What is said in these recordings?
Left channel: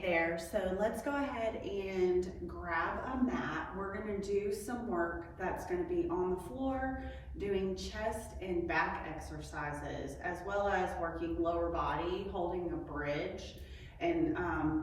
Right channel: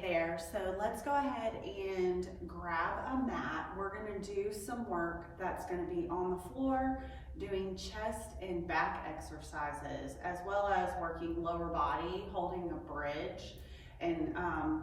Hey there, so let's go ahead and grab a mat. We're gonna do some work that's gonna be on the floor, doing chest and back exercises, as well as working lower body, holding a bridge, and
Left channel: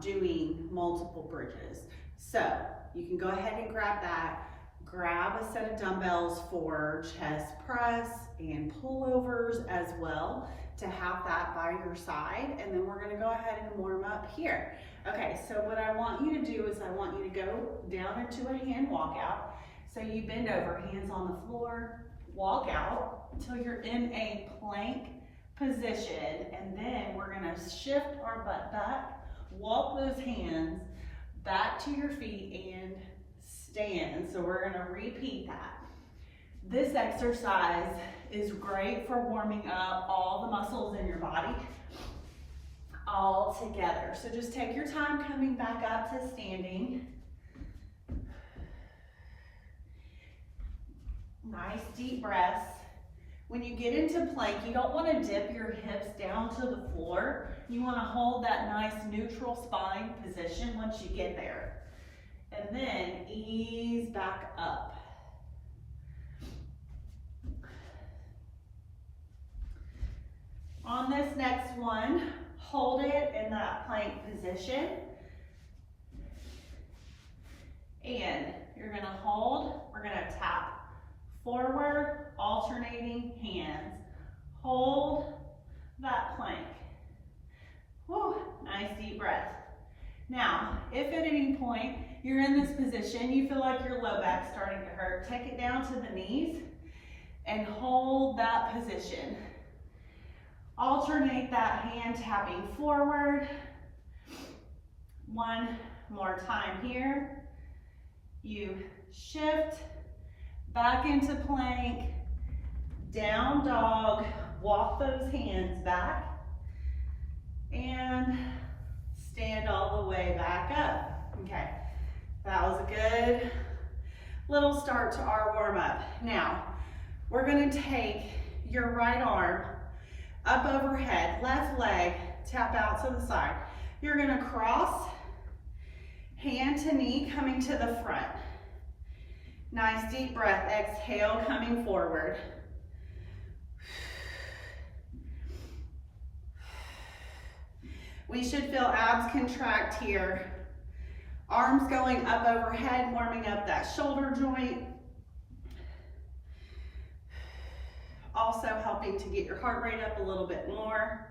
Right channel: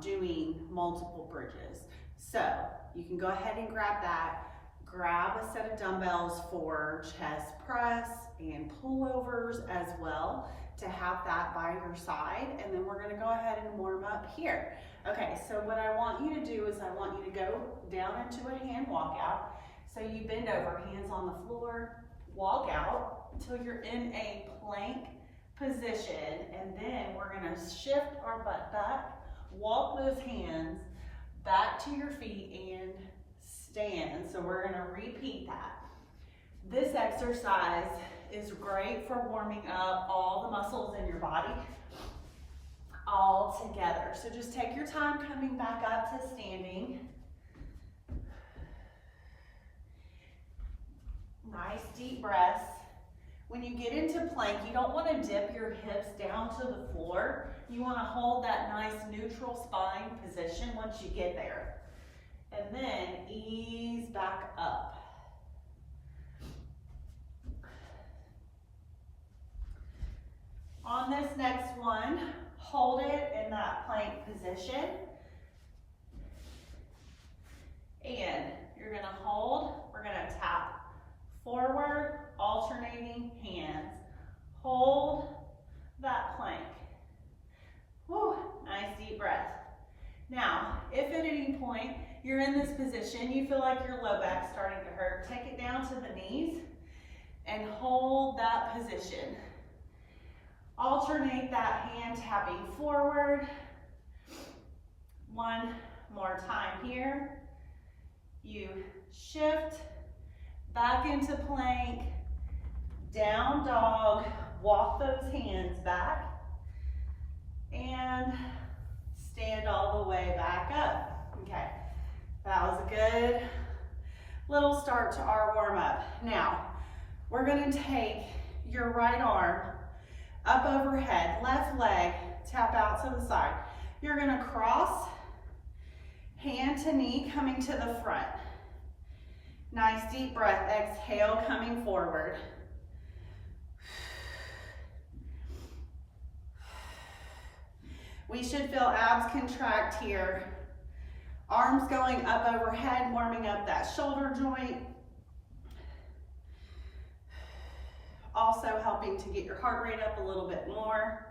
doing multiple bridges. So you can go ahead and grab that. Grab a set of dumbbells for chest press and pullovers as well, to have that by your side, and then we're gonna go ahead and warm up here. Okay, so what I want you to do is I want you to go down into a hand walkout. So you bend over, hands on the floor, walk out until you're in a plank position, and then we're gonna shift our butt back, walk those hands back to your feet and stand. So we're gonna repeat that. This exercise is great for warming up all the muscles in your body all together. So just take your time coming back up to standing. Nice deep breaths. When you get into plank, you don't want to dip your hips down to the floor. You want to hold that nice neutral spine position once you get there. And then ease back up. On this next one, hold it in that plank position. And you're gonna hold, we're gonna tap forward, alternating hands. Hold that plank. Whew, nice deep breath. Now, if at any point you're in this position, you feel like your low back's starting to hurt, take it down to the knees and hold that position. Alternate that hand tapping forward. One more time here. You shift back into plank, down dog, walk those hands back, and stand all the way back up. Okay, that was a good little start to our warm up. Now, we're gonna take your right arm up overhead, left leg, tap out to the side. You're gonna cross, hand to knee coming to the front. Nice deep breath, exhale coming forward. We should feel abs contract here. Arms going up overhead, warming up that shoulder joint. Also helping to get your heart rate up a little bit more,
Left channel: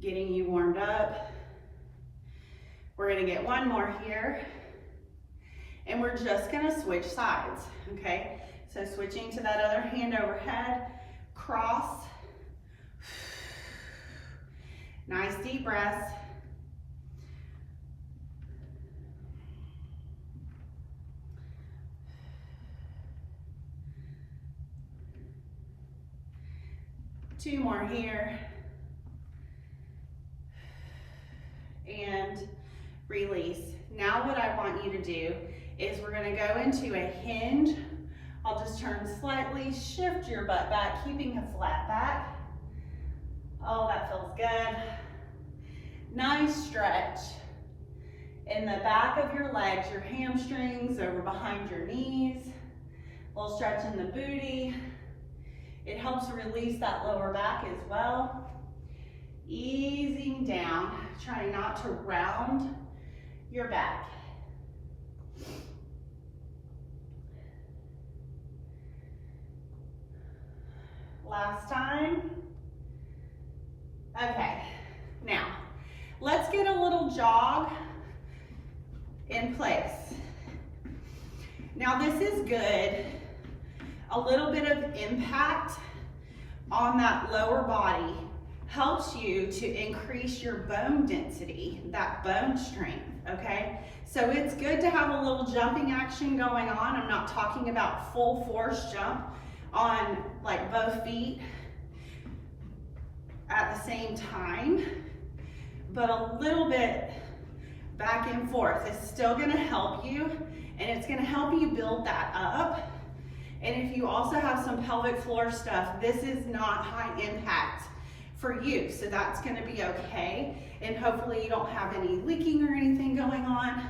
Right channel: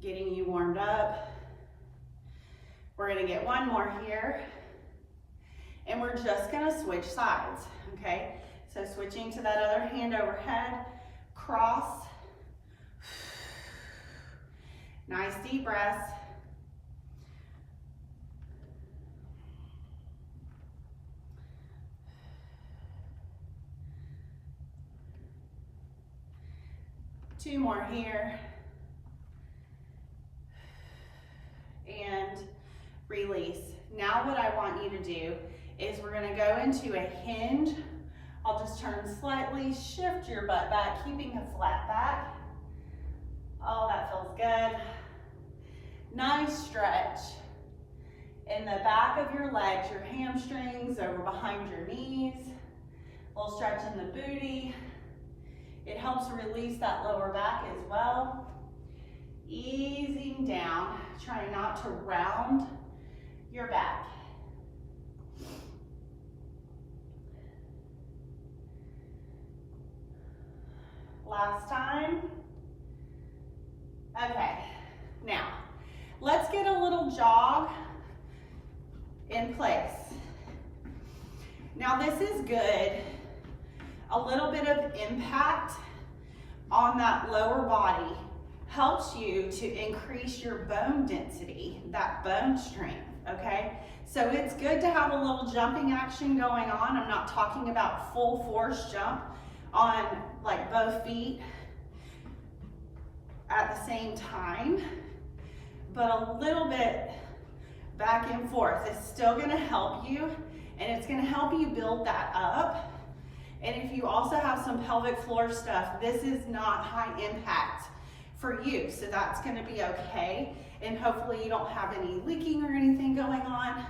getting you warmed up. We're gonna get one more here, and we're just gonna switch sides, okay? So switching to that other hand overhead, cross. Nice deep breaths. Two more here. And release. Now what I want you to do is we're gonna go into a hinge. I'll just turn slightly, shift your butt back, keeping a flat back. Oh, that feels good. Nice stretch in the back of your legs, your hamstrings, over behind your knees. A little stretch in the booty. It helps release that lower back as well. Easing down, trying not to round your back. Last time. Okay, now let's get a little jog in place. Now this is good. A little bit of impact on that lower body helps you to increase your bone density, that bone strength, okay? So it's good to have a little jumping action going on. I'm not talking about full force jump on like both feet at the same time, but a little bit back and forth is still gonna help you, and it's gonna help you build that up. And if you also have some pelvic floor stuff, this is not high impact for you, so that's gonna be okay. And hopefully you don't have any leaking or anything on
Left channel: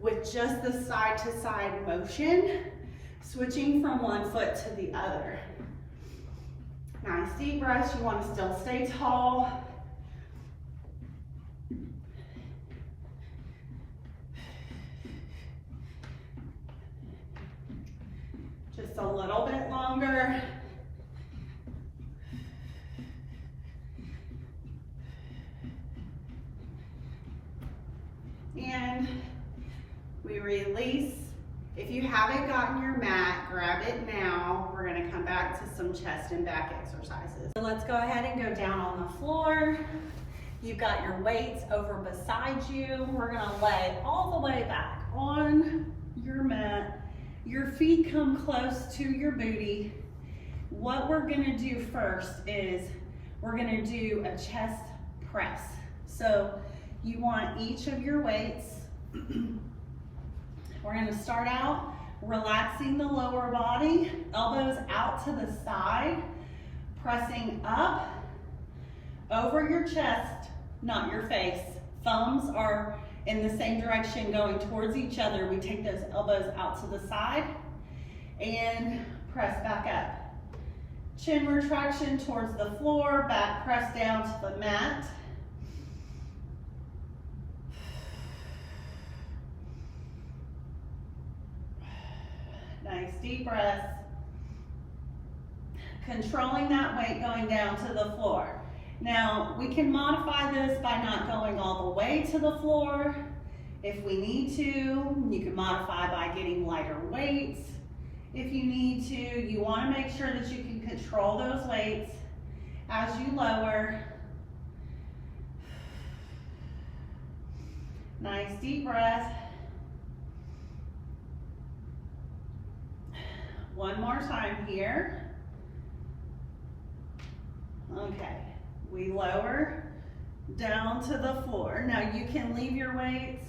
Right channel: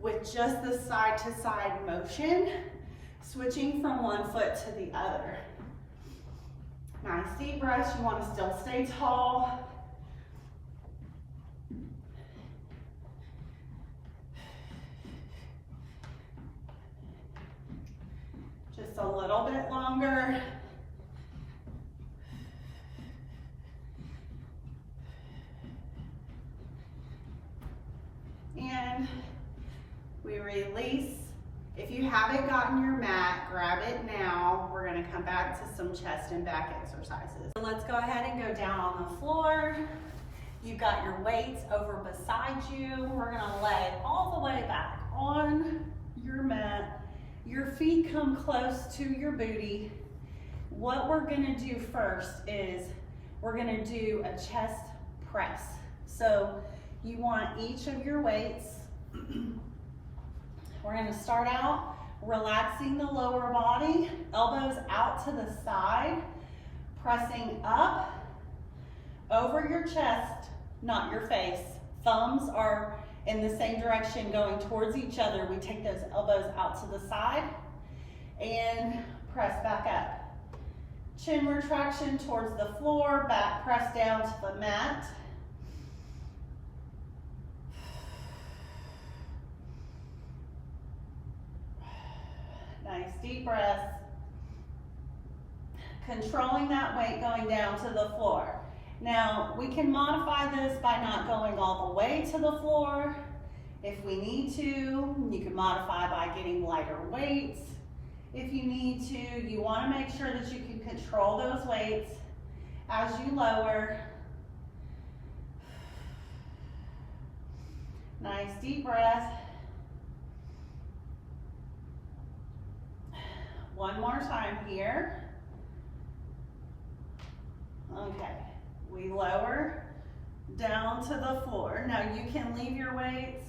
with just the side to side motion, switching from one foot to the other. Nice deep breaths. You want to still stay tall. Just a little bit longer. And we release. If you haven't gotten your mat, grab it now. We're gonna come back to some chest and back exercises. So let's go ahead and go down on the floor. You've got your weights over beside you. We're gonna lay all the way back on your mat. Your feet come close to your booty. What we're gonna do first is we're gonna do a chest press. So you want each of your weights. We're gonna start out relaxing the lower body, elbows out to the side, pressing up over your chest, not your face. Thumbs are in the same direction going towards each other. We take those elbows out to the side and press back up. Chin retraction towards the floor, back press down to the mat. Nice deep breaths. Controlling that weight going down to the floor. Now, we can modify this by not going all the way to the floor. If we need to, you can modify by getting lighter weights. If you need to, you want to make sure that you can control those weights as you lower. Nice deep breath. One more time here. Okay, we lower down to the floor. Now you can leave your weights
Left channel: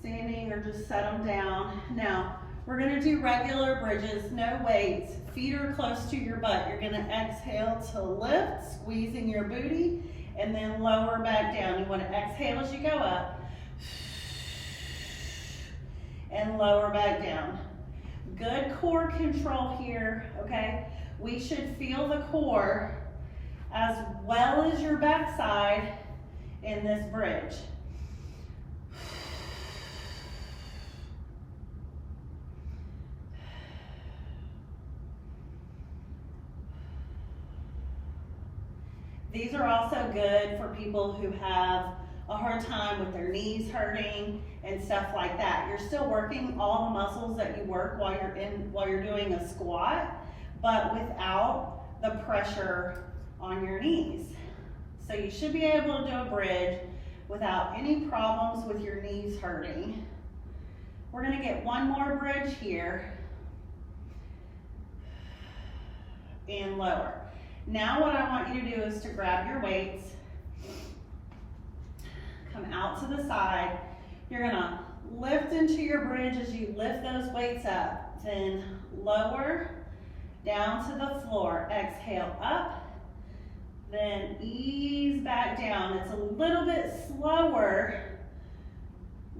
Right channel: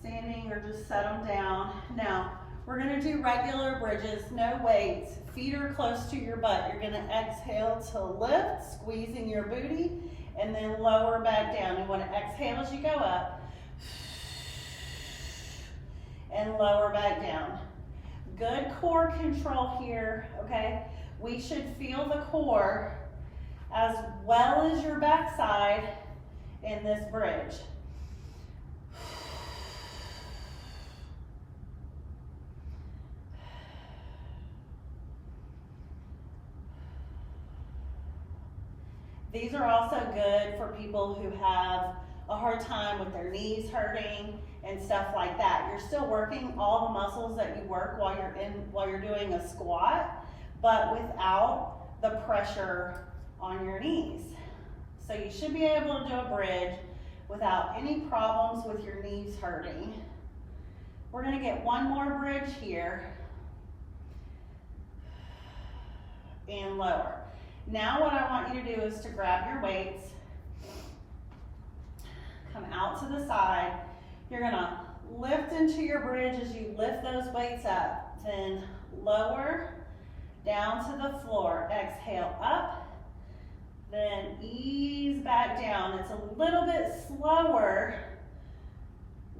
standing or just set them down. Now we're gonna do regular bridges, no weights. Feet are close to your butt. You're gonna exhale to lift, squeezing your booty, and then lower back down. You wanna exhale as you go up, and lower back down. Good core control here, okay? We should feel the core as well as your backside in this bridge. These are also good for people who have a hard time with their knees hurting and stuff like that. You're still working all the muscles that you work while you're doing a squat, but without the pressure on your knees. So you should be able to do a bridge without any problems with your knees hurting. We're gonna get one more bridge here and lower. Now what I want you to do is to grab your weights, come out to the side. You're gonna lift into your bridge as you lift those weights up. Then lower down to the floor. Exhale up, then ease back down. It's a little bit slower,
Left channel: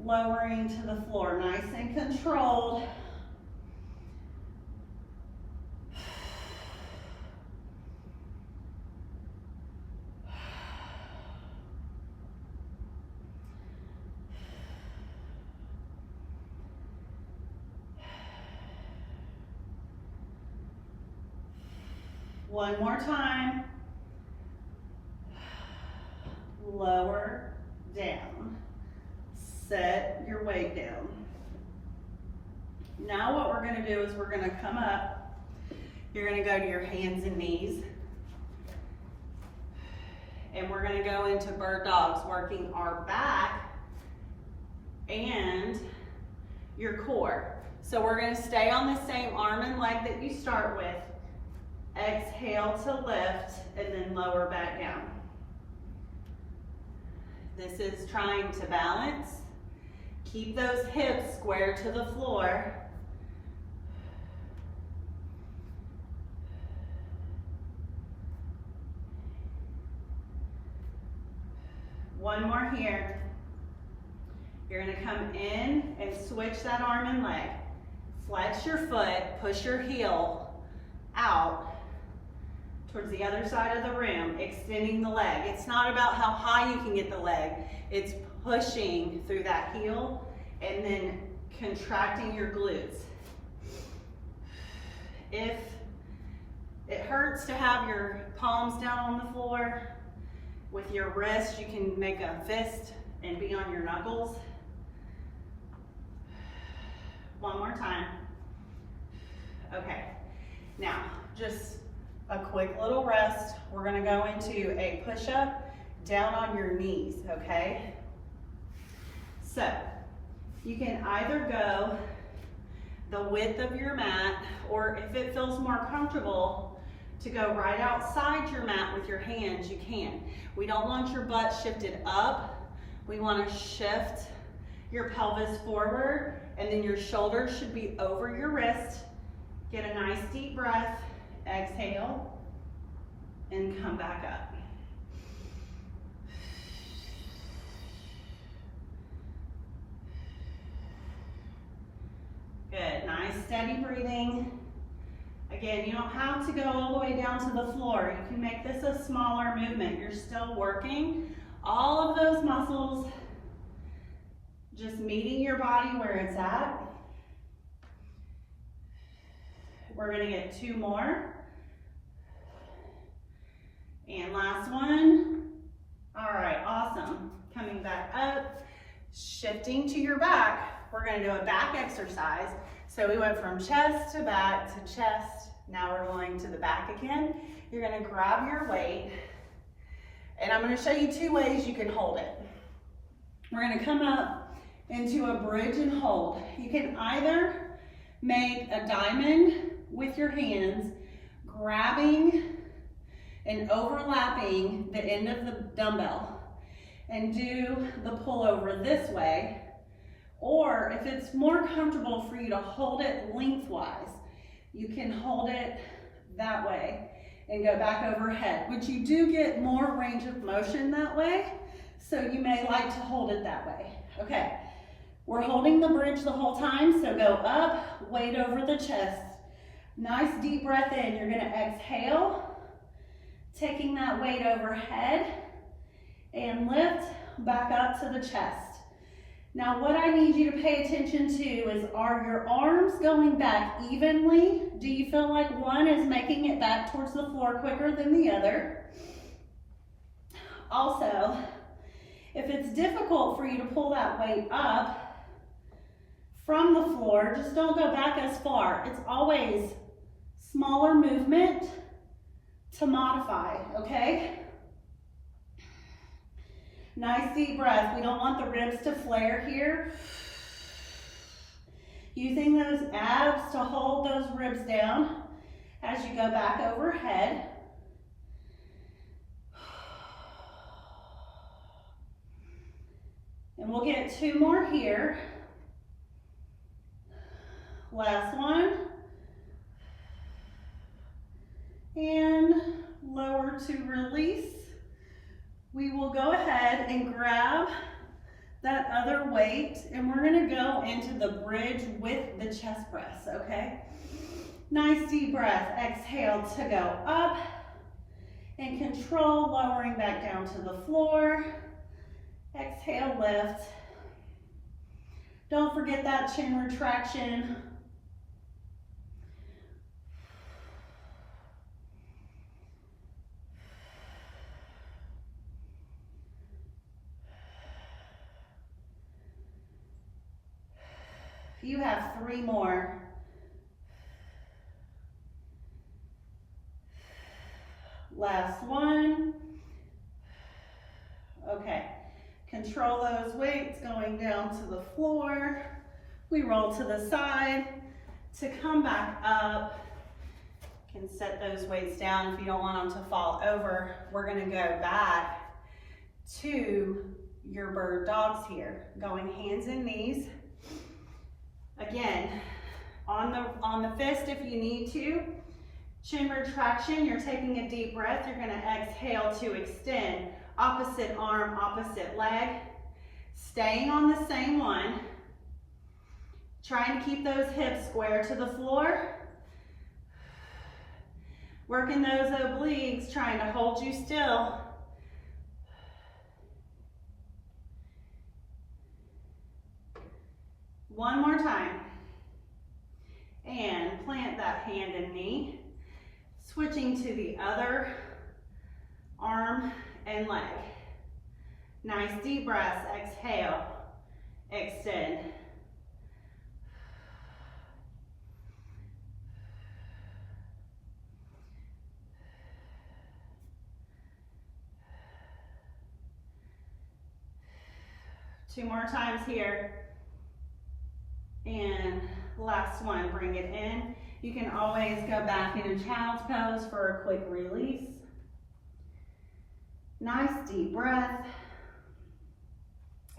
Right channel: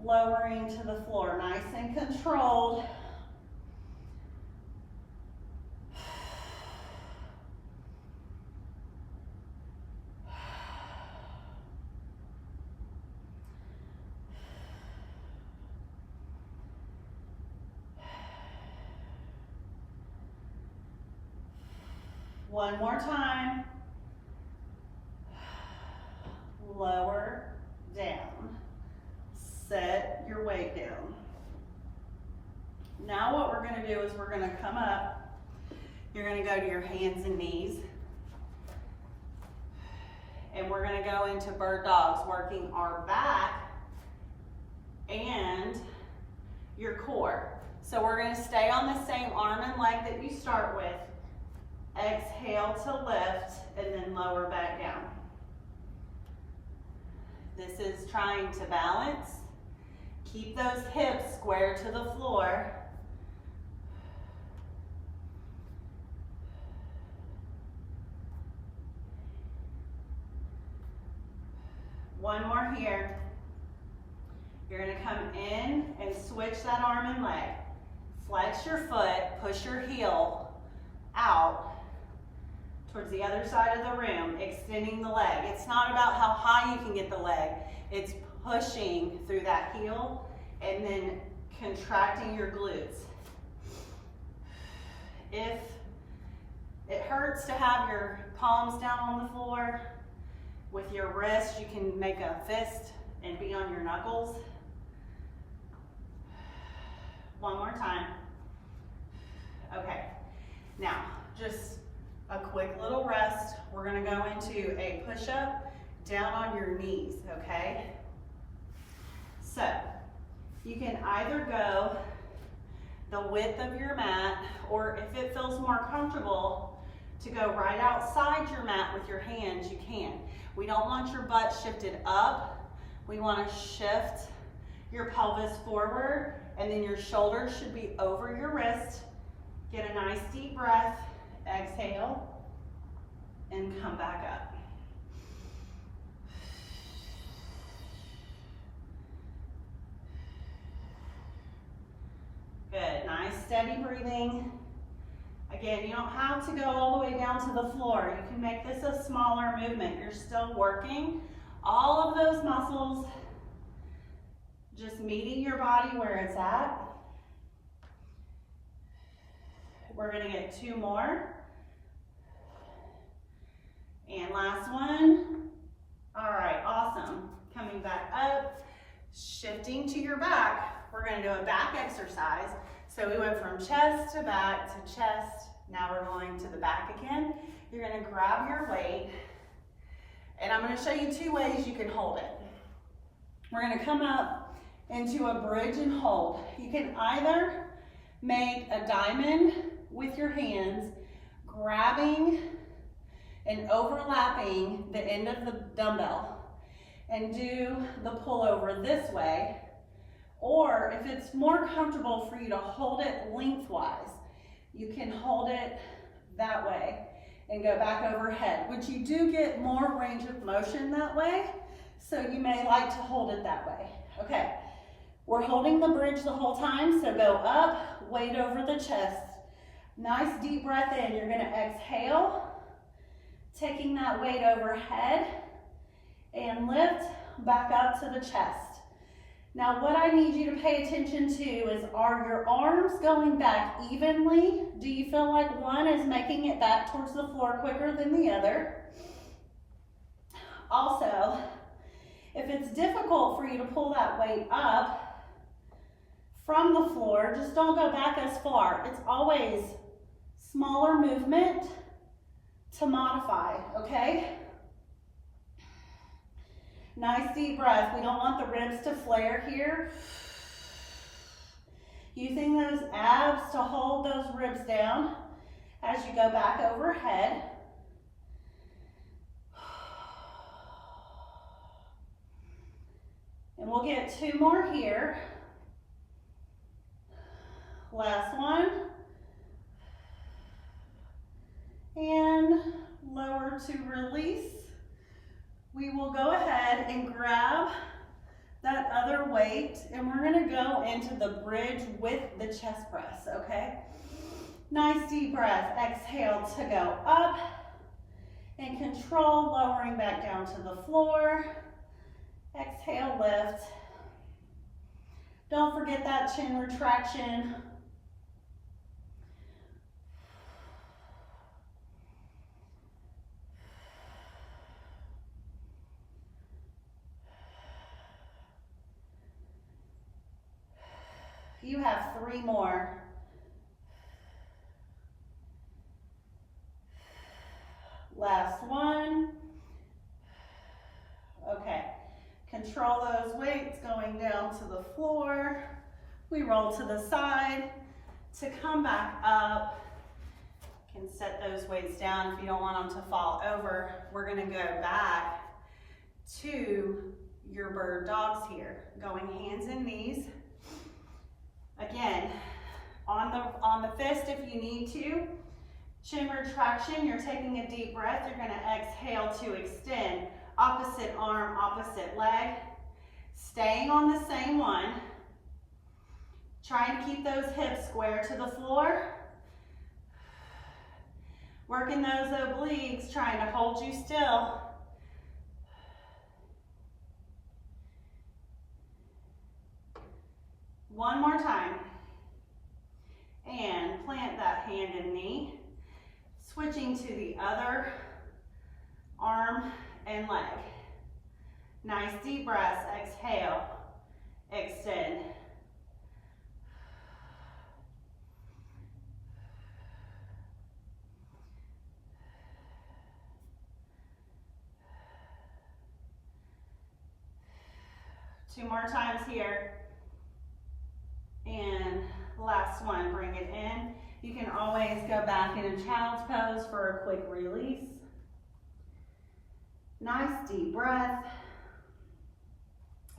lowering to the floor. Nice and controlled. One more time. Lower down. Set your weight down. Now what we're gonna do is we're gonna come up. You're gonna go to your hands and knees. And we're gonna go into bird dogs, working our back and your core. So we're gonna stay on the same arm and leg that you start with. Exhale to lift and then lower back down. This is trying to balance. Keep those hips square to the floor. One more here. You're gonna come in and switch that arm and leg. Flex your foot, push your heel out towards the other side of the room, extending the leg. It's not about how high you can get the leg. It's pushing through that heel and then contracting your glutes. If it hurts to have your palms down on the floor, with your wrist, you can make a fist and be on your knuckles. One more time. Okay, now just a quick little rest. We're gonna go into a push-up down on your knees, okay? So, you can either go the width of your mat, or if it feels more comfortable to go right outside your mat with your hands, you can. We don't want your butt shifted up. We want to shift your pelvis forward, and then your shoulders should be over your wrist. Get a nice deep breath, exhale, and come back up. Good, nice steady breathing. Again, you don't have to go all the way down to the floor. You can make this a smaller movement. You're still working all of those muscles, just meeting your body where it's at. We're gonna get 2 more. And last one. All right, awesome. Coming back up, shifting to your back. We're gonna do a back exercise. So we went from chest to back to chest. Now we're going to the back again. You're gonna grab your weight, and I'm gonna show you 2 ways you can hold it. We're gonna come up into a bridge and hold. You can either make a diamond with your hands, grabbing and overlapping the end of the dumbbell, and do the pullover this way. Or if it's more comfortable for you to hold it lengthwise, you can hold it that way and go back overhead, which you do get more range of motion that way, so you may like to hold it that way. Okay, we're holding the bridge the whole time, so go up, weight over the chest. Nice deep breath in. You're gonna exhale, taking that weight overhead, and lift back up to the chest. Now what I need you to pay attention to is, are your arms going back evenly? Do you feel like one is making it back towards the floor quicker than the other? Also, if it's difficult for you to pull that weight up from the floor, just don't go back as far. It's always smaller movement to modify, okay? Nice deep breath. We don't want the ribs to flare here. Using those abs to hold those ribs down as you go back overhead. And we'll get 2 more here. Last one. And lower to release. We will go ahead and grab that other weight, and we're gonna go into the bridge with the chest press, okay? Nice deep breath. Exhale to go up, and control lowering back down to the floor. Exhale, lift. Don't forget that chin retraction. You have 3 more. Last one. Okay, control those weights going down to the floor. We roll to the side to come back up. You can set those weights down if you don't want them to fall over. We're gonna go back to your bird dogs here, going hands and knees. Again, on the fist if you need to. Chin retraction, you're taking a deep breath. You're gonna exhale to extend. Opposite arm, opposite leg. Staying on the same one. Trying to keep those hips square to the floor. Working those obliques, trying to hold you still. One more time. And plant that hand and knee. Switching to the other arm and leg. Nice deep breaths. Exhale. Extend. Two more times here. And last one, bring it in. You can always go back into child's pose for a quick release. Nice deep breath.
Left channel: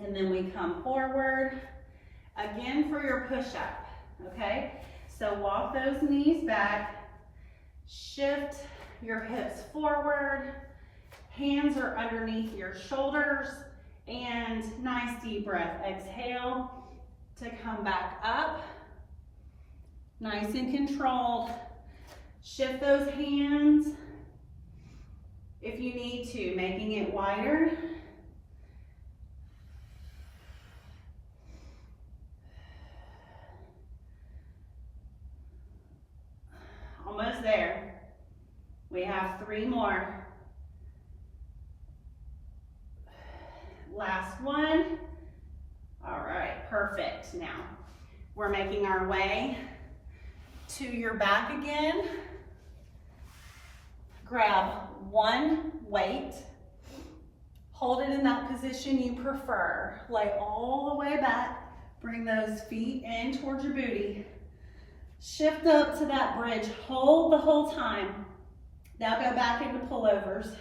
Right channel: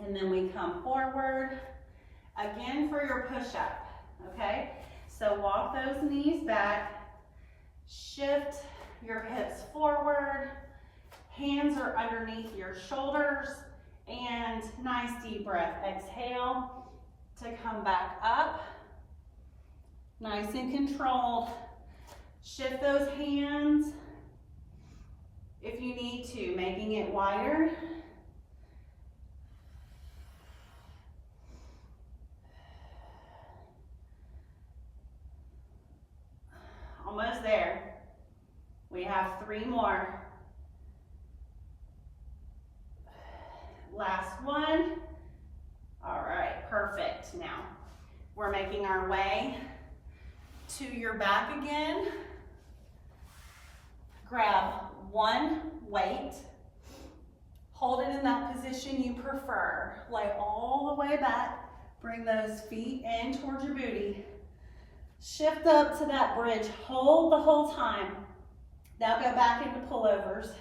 And then we come forward. Again for your push-up, okay? So walk those knees back. Shift your hips forward. Hands are underneath your shoulders. And nice deep breath. Exhale to come back up. Nice and controlled. Shift those hands if you need to, making it wider. Almost there. We have 3 more. Last one. All right, perfect. Now, we're making our way to your back again. Grab one weight. Hold it in that position you prefer. Lay all the way back. Bring those feet in towards your booty. Shift up to that bridge. Hold the whole time. Now go back into pullovers.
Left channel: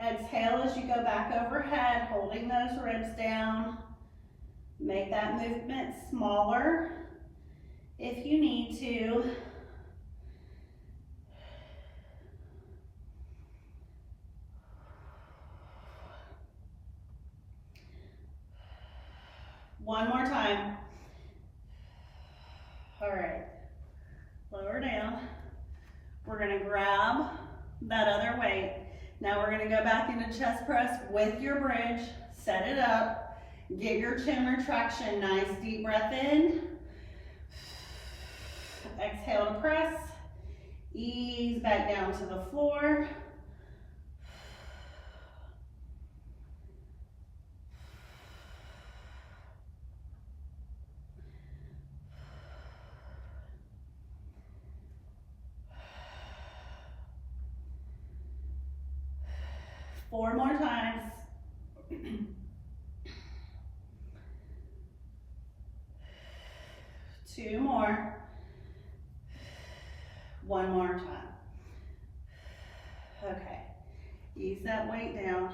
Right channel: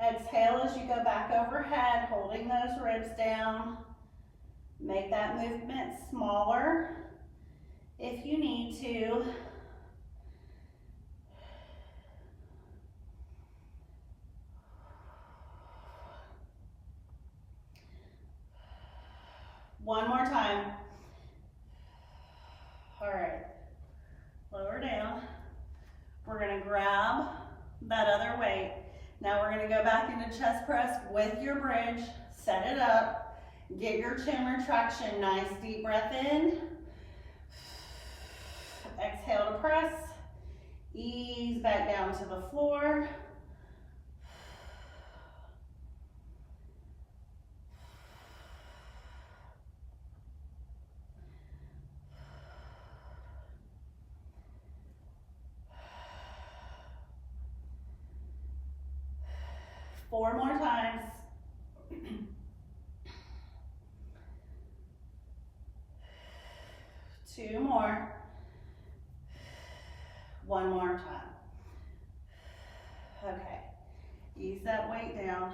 Exhale as you go back overhead, holding those ribs down. Make that movement smaller if you need to. One more time. All right, lower down. We're gonna grab that other weight. Now we're gonna go back into chest press with your bridge. Set it up. Get your chin retraction. Nice deep breath in. Exhale to press. Ease back down to the floor. Four more times. Two more. One more time. Okay. Ease that weight down.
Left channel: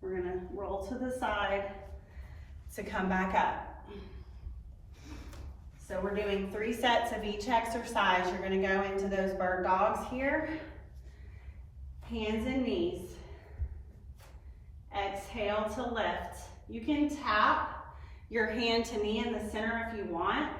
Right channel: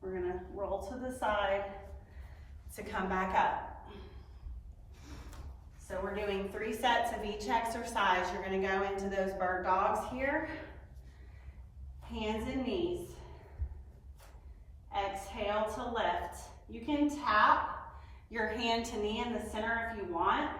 We're gonna roll to the side to come back up. So we're doing 3 sets of each exercise. You're gonna go into those bird dogs here. Hands and knees. Exhale to lift. You can tap your hand to knee in the center if you want.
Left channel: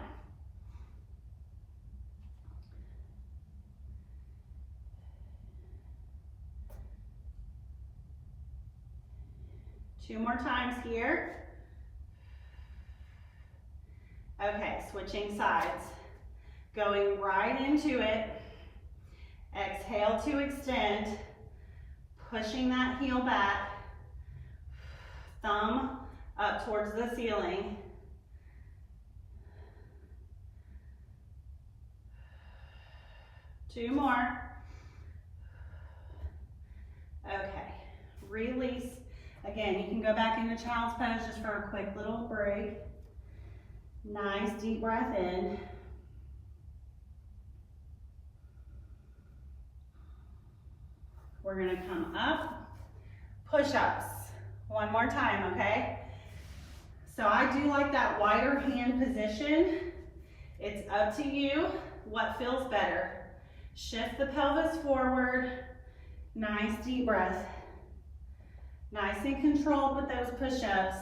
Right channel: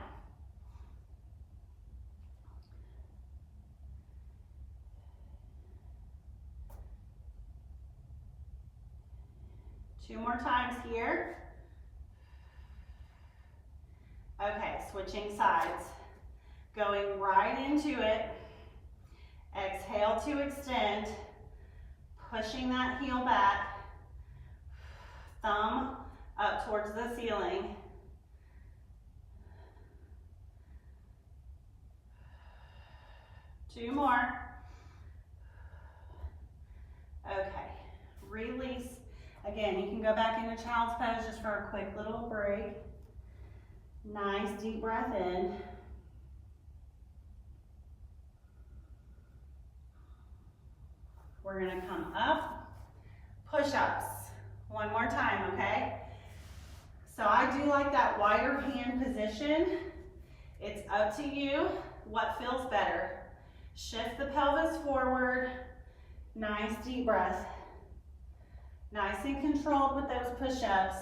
Two more times here. Okay, switching sides. Going right into it. Exhale to extend. Pushing that heel back. Thumb up towards the ceiling. Two more. Okay, release. Again, you can go back into child's pose just for a quick little break. Nice deep breath in. We're gonna come up, push-ups. One more time, okay? So I do like that wider hand position. It's up to you what feels better. Shift the pelvis forward. Nice deep breath. Nice and controlled with those push-ups.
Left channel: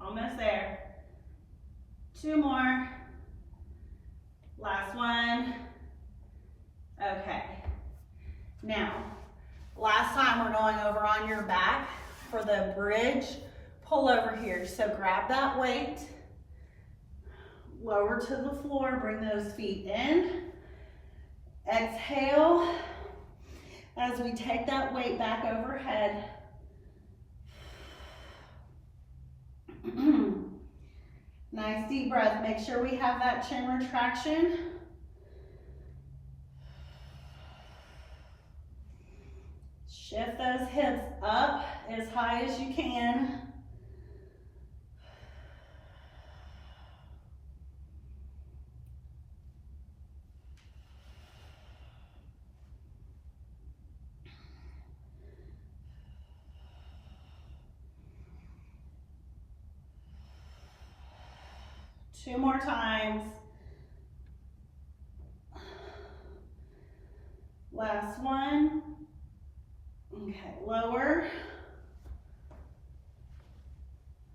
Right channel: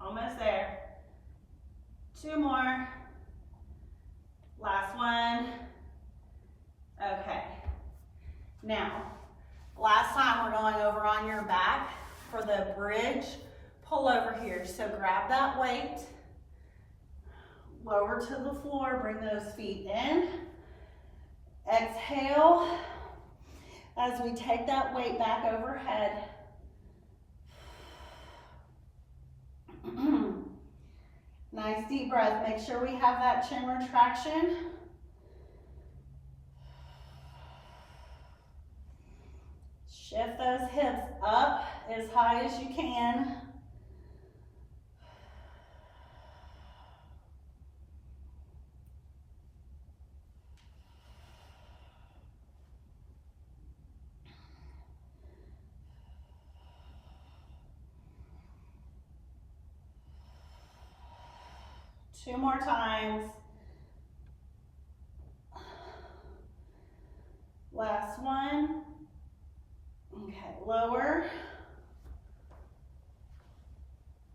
Almost there. 2 more. Last one. Okay. Now, last time we're going over on your back for the bridge pull over here. So grab that weight, lower to the floor, bring those feet in. Exhale as we take that weight back overhead. Nice deep breath. Make sure we have that chin retraction. Shift those hips up as high as you can. Two more times. Last one. Okay, lower.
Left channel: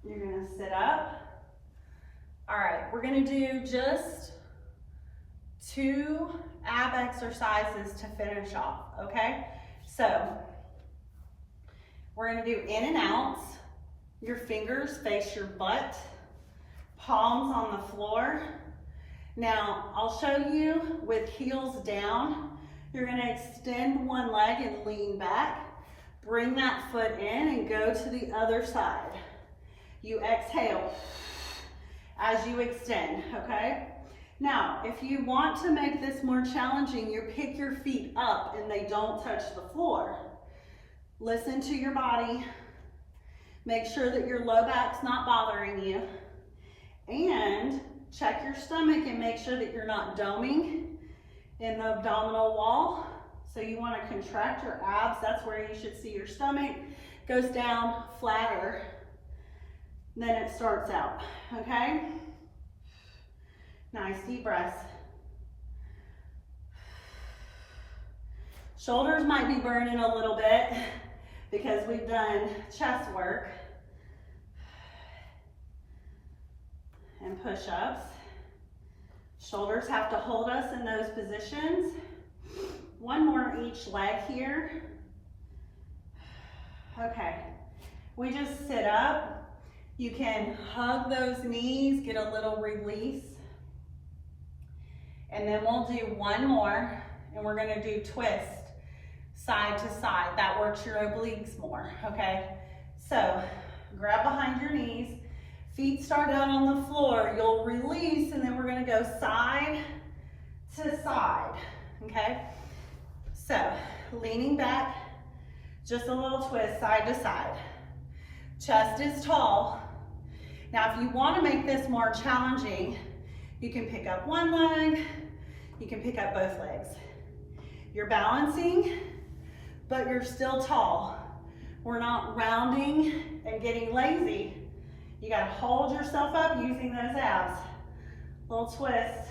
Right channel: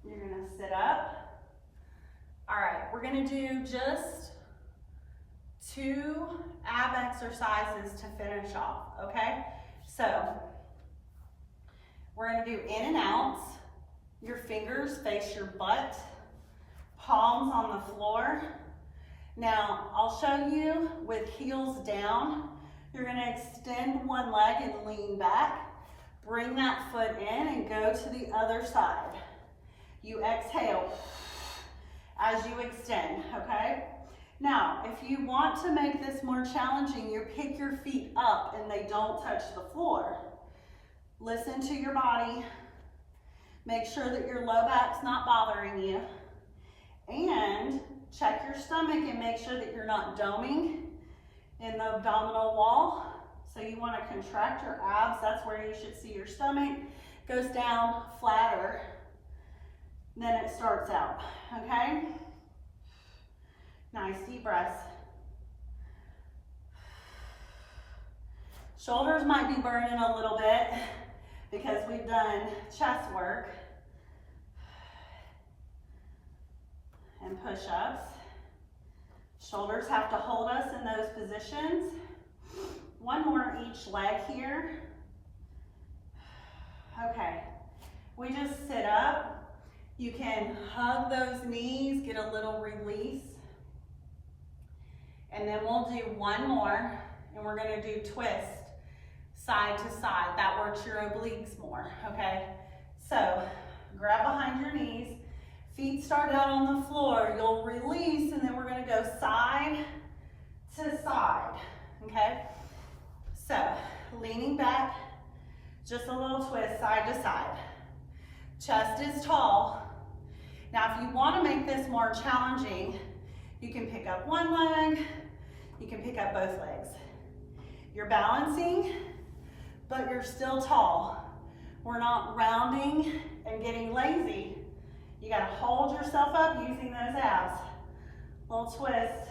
You're gonna sit up. All right, we're gonna do just 2 ab exercises to finish off, okay? So, we're gonna do in and outs. Your fingers face your butt. Palms on the floor. Now, I'll show you with heels down. You're gonna extend one leg and lean back. Bring that foot in and go to the other side. You exhale as you extend, okay? Now, if you want to make this more challenging, you pick your feet up and they don't touch the floor. Listen to your body. Make sure that your low back's not bothering you. And check your stomach and make sure that you're not doming in the abdominal wall. So you want to contract your abs. That's where you should see your stomach goes down flatter. Then it starts out, okay? Nice deep breaths. Shoulders might be burning a little bit because we've done chest work. And push-ups. Shoulders have to hold us in those positions. One more each leg here. Okay, we just sit up. You can hug those knees, get a little release. And then we'll do one more, and we're gonna do twist side to side. That works your obliques more, okay? So grab behind your knees. Feet start out on the floor. You'll release, and then we're gonna go side to side, okay? So, leaning back, just a little twist side to side. Chest is tall. Now, if you wanna make this more challenging, you can pick up one leg, you can pick up both legs. You're balancing, but you're still tall. We're not rounding and getting lazy. You gotta hold yourself up using those abs. Little twist,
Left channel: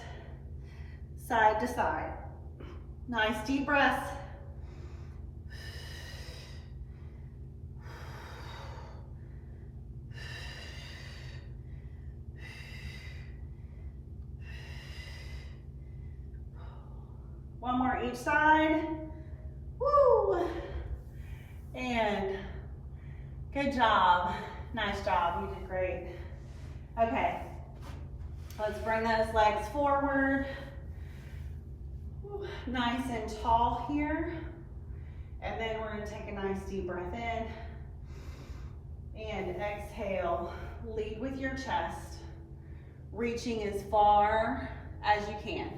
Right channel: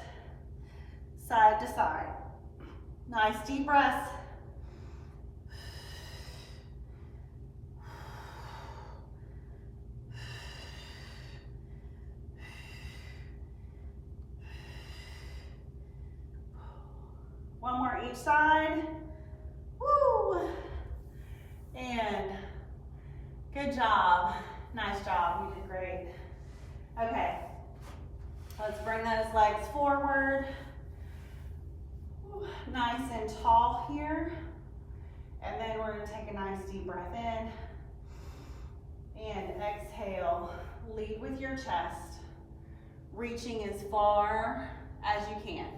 side to side. Nice deep breaths. One more each side. Woo! And good job. Nice job, you did great. Okay, let's bring those legs forward. Nice and tall here. And then we're gonna take a nice deep breath in. And exhale, lead with your chest. Reaching as far as you can.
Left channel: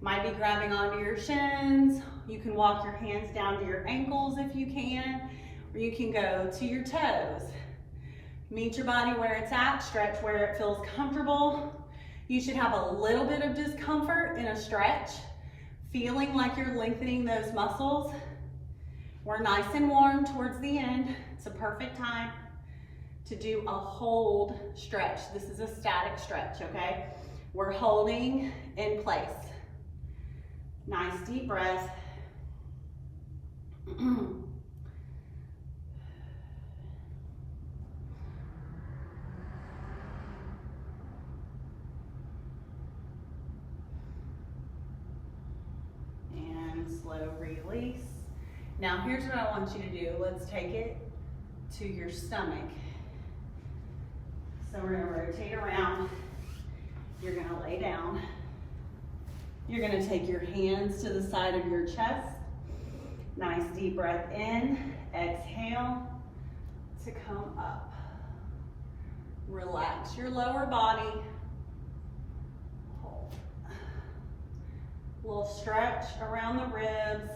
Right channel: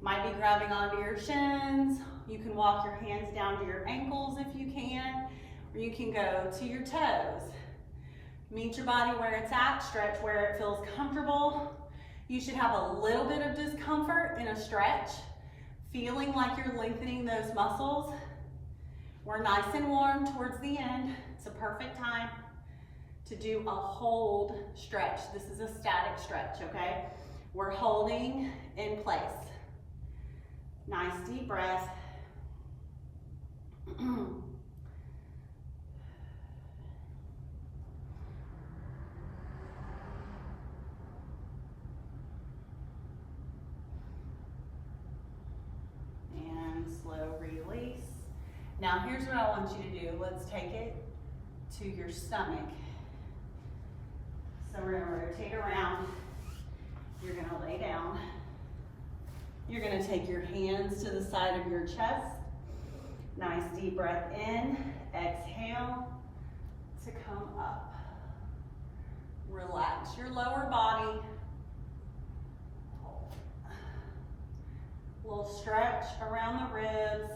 Might be grabbing onto your shins. You can walk your hands down to your ankles if you can, or you can go to your toes. Meet your body where it's at, stretch where it feels comfortable. You should have a little bit of discomfort in a stretch, feeling like you're lengthening those muscles. We're nice and warm towards the end. It's a perfect time to do a hold stretch. This is a static stretch, okay? We're holding in place. Nice deep breath. And slow release. Now here's what I want you to do. Let's take it to your stomach. So we're gonna rotate around. You're gonna lay down. You're gonna take your hands to the side of your chest. Nice deep breath in. Exhale to come up. Relax your lower body. Hold. Little stretch around the ribs.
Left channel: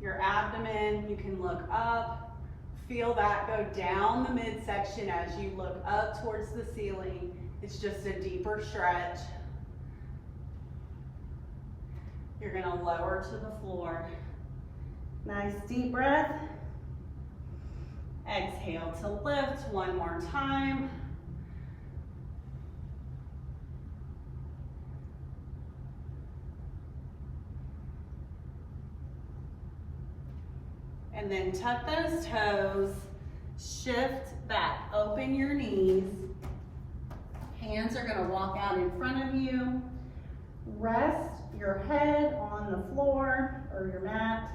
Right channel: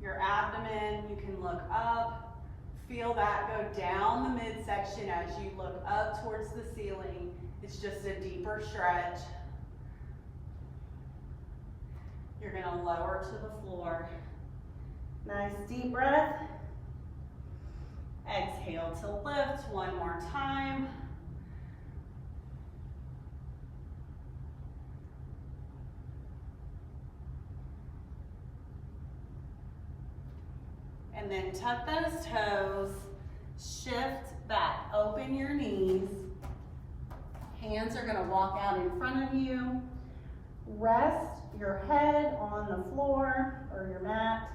Your abdomen, you can look up. Feel that go down the midsection as you look up towards the ceiling. It's just a deeper stretch. You're gonna lower to the floor. Nice deep breath. Exhale to lift one more time. And then tuck those toes, shift back, open your knees. Hands are gonna walk out in front of you. Rest your head on the floor or your mat.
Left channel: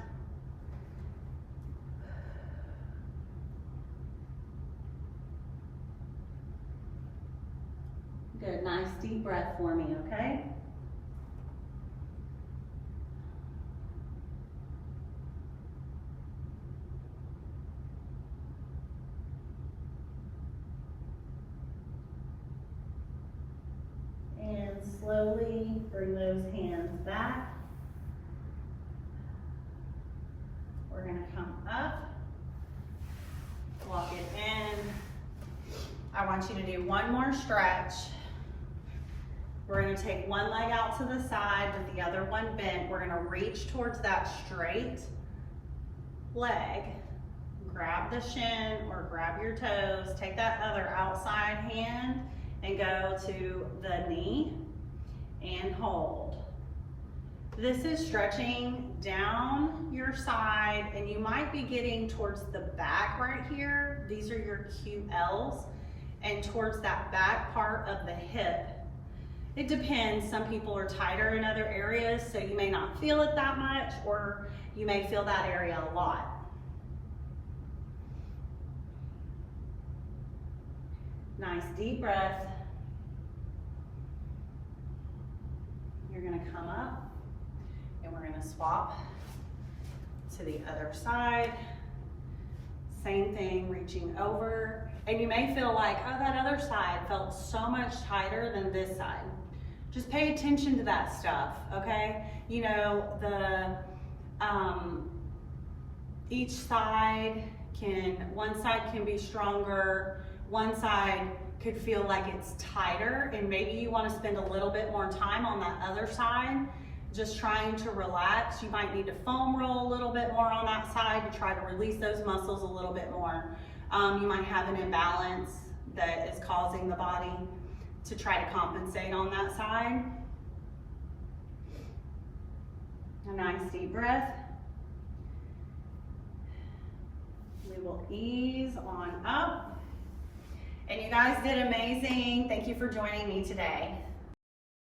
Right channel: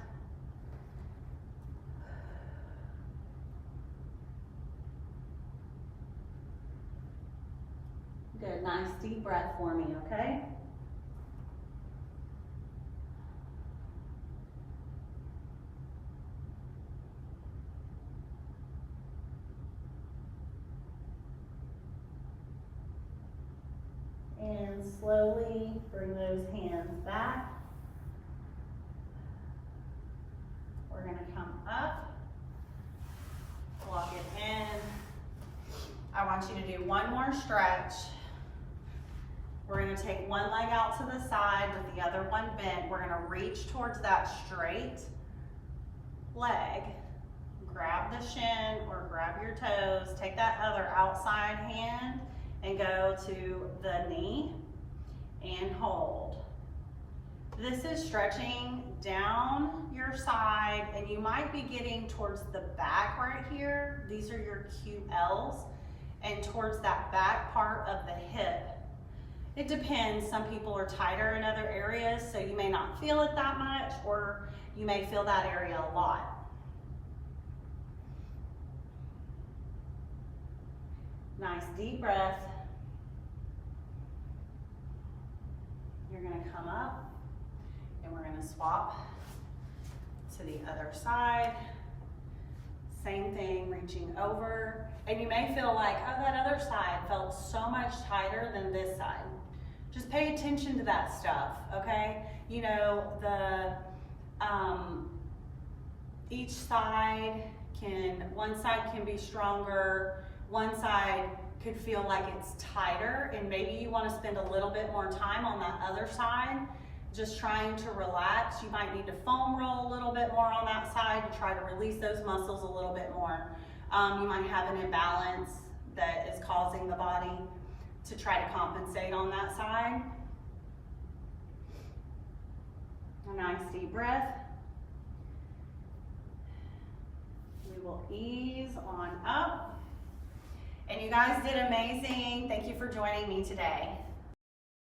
Good, nice deep breath for me, okay? And slowly bring those hands back. We're gonna come up, walk it in. I want you to do one more stretch. We're gonna take one leg out to the side with the other one bent. We're gonna reach towards that straight leg. Grab the shin or grab your toes. Take that other outside hand and go to the knee and hold. This is stretching down your side, and you might be getting towards the back right here. These are your QLs, and towards that back part of the hip. It depends, some people are tighter in other areas, so you may not feel it that much, or you may feel that area a lot. Nice deep breath. You're gonna come up and we're gonna swap to the other side. Same thing, reaching over. And you may feel like, oh, that other side felt so much tighter than this side. Just pay attention to that stuff, okay? You know, each side one side can be stronger, one side could feel like it's tighter, and maybe you want to spend a little bit more time on that other side, just trying to relax. You might need to foam roll a little bit more on that side to try to release those muscles a little bit more. You might have an imbalance that is causing the body to try to compensate on that side. A nice deep breath. We will ease on up. And you guys did amazing. Thank you for joining me today.